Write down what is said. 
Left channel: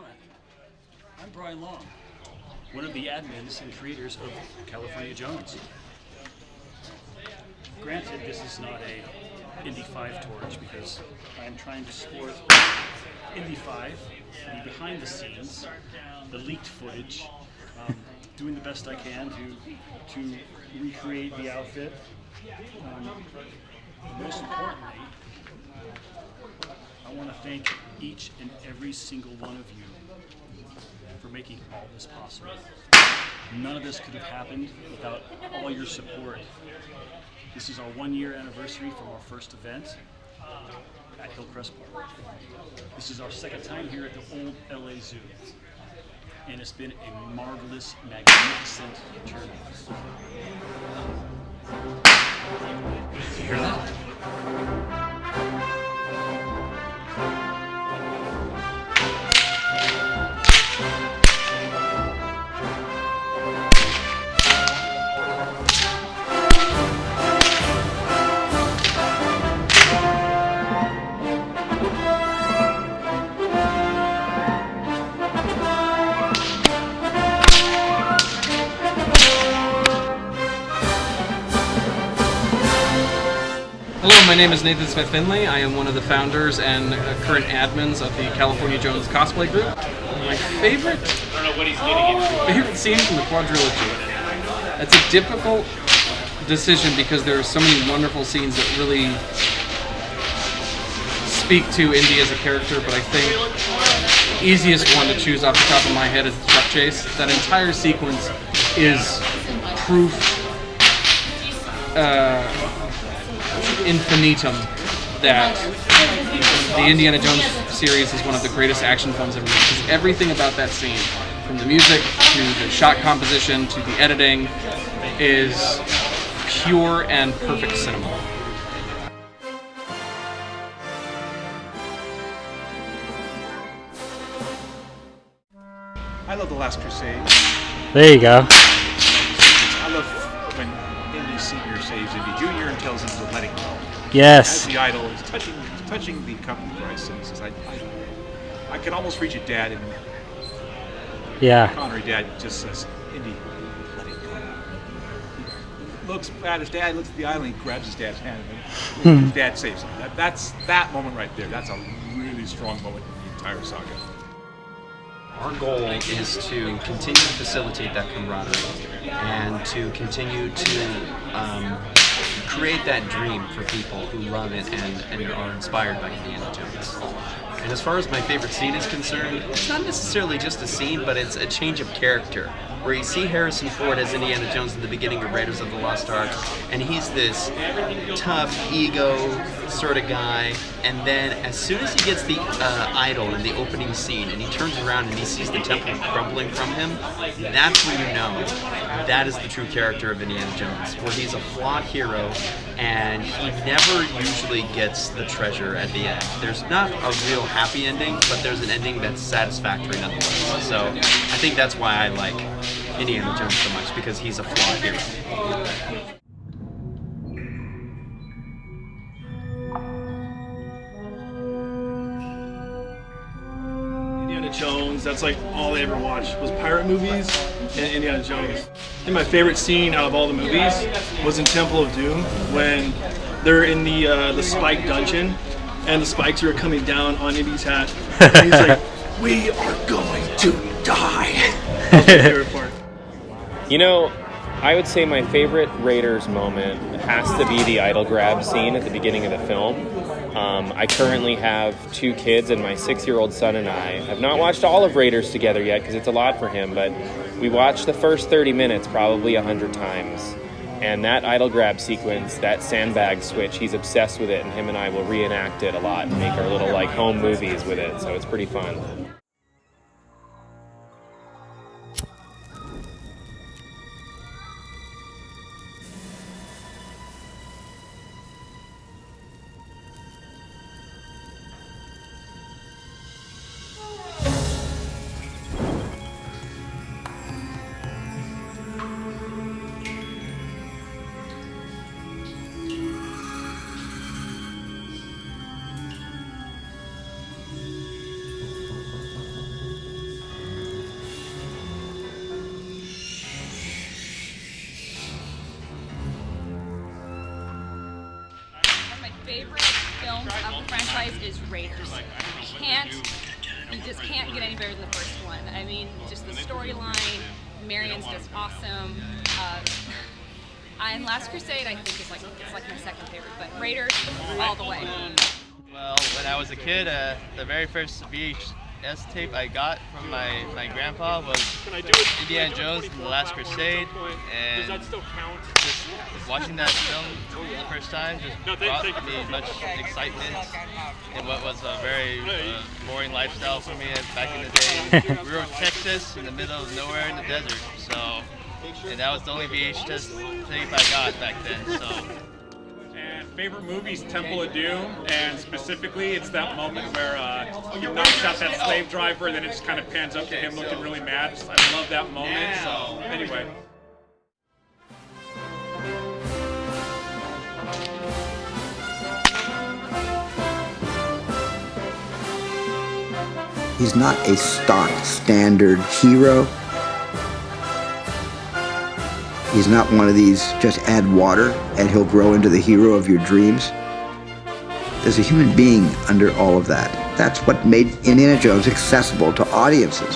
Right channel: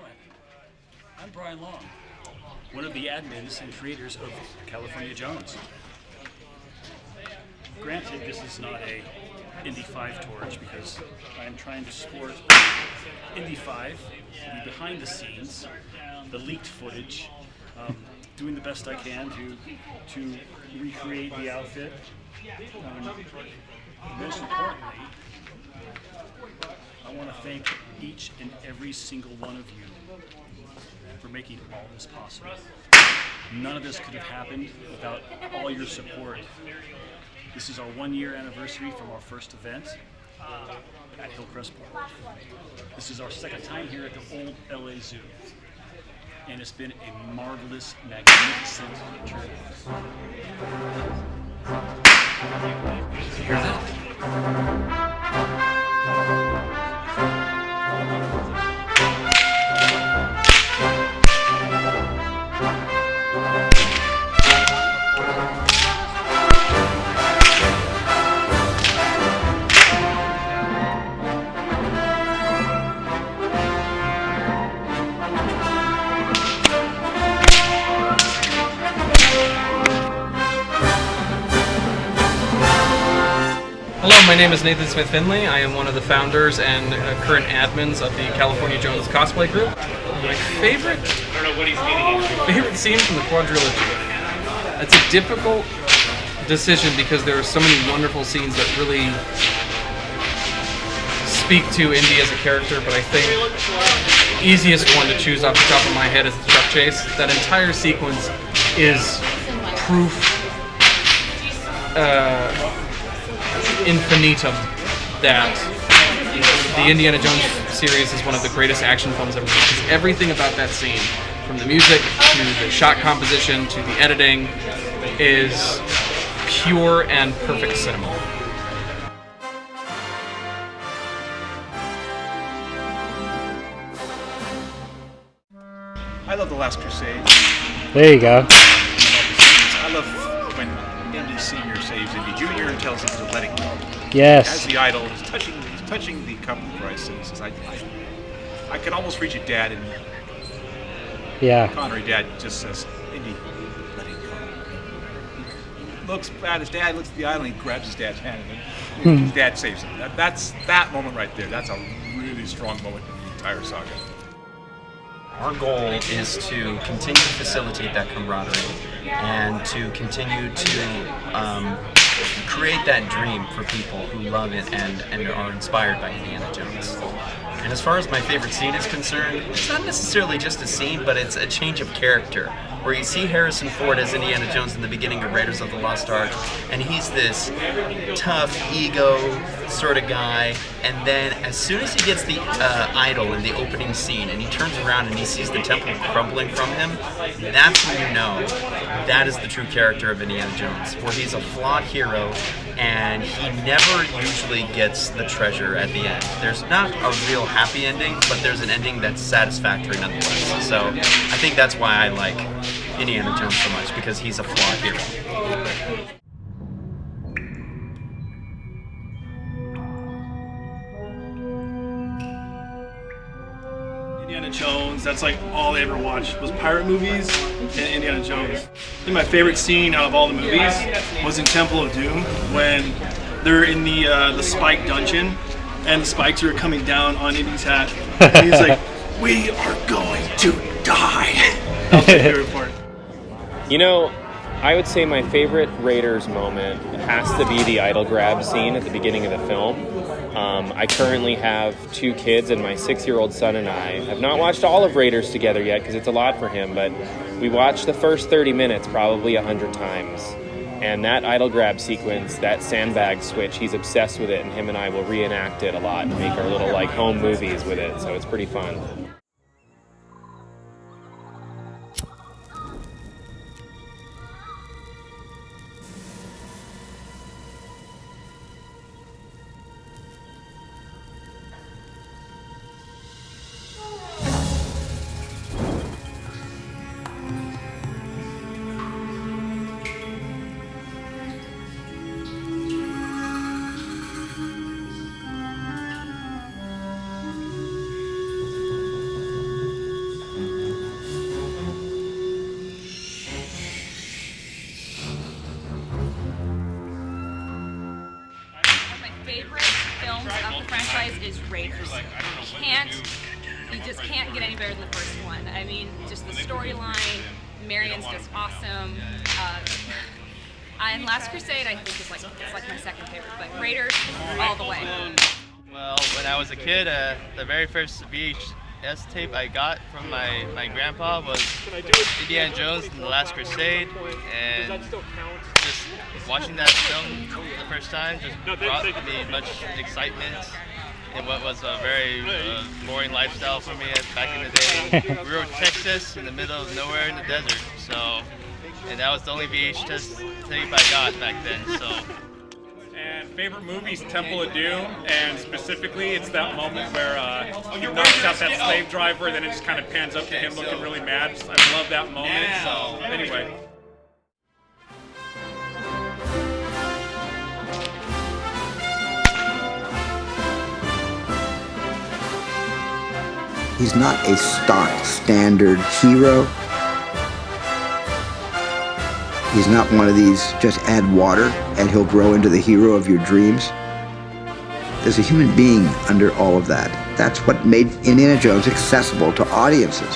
gentlemen, I'm Brian Long, one of the admins and creators of California Jones. Granted, this is not a Indy 5 torch because I am trying to sport Indy 5, the behind the scenes, the leaked footage, doing the best I can to recreate the outfit. Most importantly, I want to thank each and every single one of you for making all this possible. None of this could have happened without all your support. This is our 1-year anniversary from our first event at Hillcrest Park. This is our second time here at the old LA Zoo. And it's been a marvelous, magnificent turnout. Did you hear that? Hello, my name is Nathan Smith-FINLEY. I am one of the founders and current admins of the California Jones cosplay group. My favorite scene from the quadrilogy. That's a difficult decision because there are so many wonderful scenes that really speak to Indy as a character, but I think the easiest one to choose off the top of my head is the truck chase. That entire sequence is proof infinitum that the Indiana Jones series is one of the greatest action films ever made. Because everything about that scene, from the music to the shot composition to the editing, is pure and perfect cinema. I love The Last Crusade. There you go. I love when Indy Senior saves Indy Junior and tells him to let it go. Yes. As the idol, he's touching the cup of Christ, and he says, I can almost reach it, Dad. And Connery Dad just says, Indy, let it go. He looks at his dad, looks at the idol, and he grabs his dad's hand, and then his dad saves him. That's that moment right there. That's a really strong moment in the entire saga. Our goal is to continue to facilitate that camaraderie and to continue to create that dream for people who love it and are inspired by Indiana Jones. And as far as my favorite scene is concerned, it's not necessarily just a scene, but it's a change of character, where you see Harrison Ford as Indiana Jones in the beginning of Raiders of the Lost Ark, and he's this tough, ego sort of guy, and then as soon as he gets the idol in the opening scene, and he turns around and he sees the temple crumbling from him, that's when you know that is the true character of Indiana Jones, where he's a flawed hero, and he never usually gets the treasure at the end. There's not a real happy ending, but there's an ending that's satisfactory nonetheless. So I think that's why I like Indiana Jones so much, because he's a flawed hero. Indiana Jones, that's like all I ever watched was pirate movies and Indiana Jones. I think my favorite scene out of all the movies was in Temple of Doom when they're in the spike dungeon and the spikes are coming down on Indy's hat. And he's like, "We are going to die." That was my favorite part. You know, I would say my favorite Raiders moment has to be the idol grab scene at the beginning of the film. I currently have 2 kids, and my 6-year-old son and I have not watched all of Raiders together yet because it's a lot for him, but we watched the first 30 minutes probably 100 times. And that idol grab sequence, that sandbag switch, he's obsessed with it, and him and I will reenact it a lot and make our little like home movies with it, so it's pretty fun. favorite films of the franchise is Raiders. You just can't get any better than the first one. I mean, just the storyline, Marion's just awesome. And Last Crusade, I think, is like my second favorite, but Raiders all the way. Well, when I was a kid, the very first VHS tape I got from my grandpa was Indiana Jones and the Last Crusade, and just watching that film the first time just brought me much excitement in what was a very boring lifestyle for me back in the day. We were in Texas in the middle of nowhere in the desert, and that was the only VHS tape I got back then. So. And favorite movie's Temple of Doom, and specifically it's that moment where he knocks out that slave driver, and then it just kind of pans up to him looking really mad. I love that moment. So anyway. He's not a stock standard hero. He's not one of these just add water and he'll grow into the hero of your dreams. There's a human being under all of that. That's what made Indiana Jones accessible to audiences.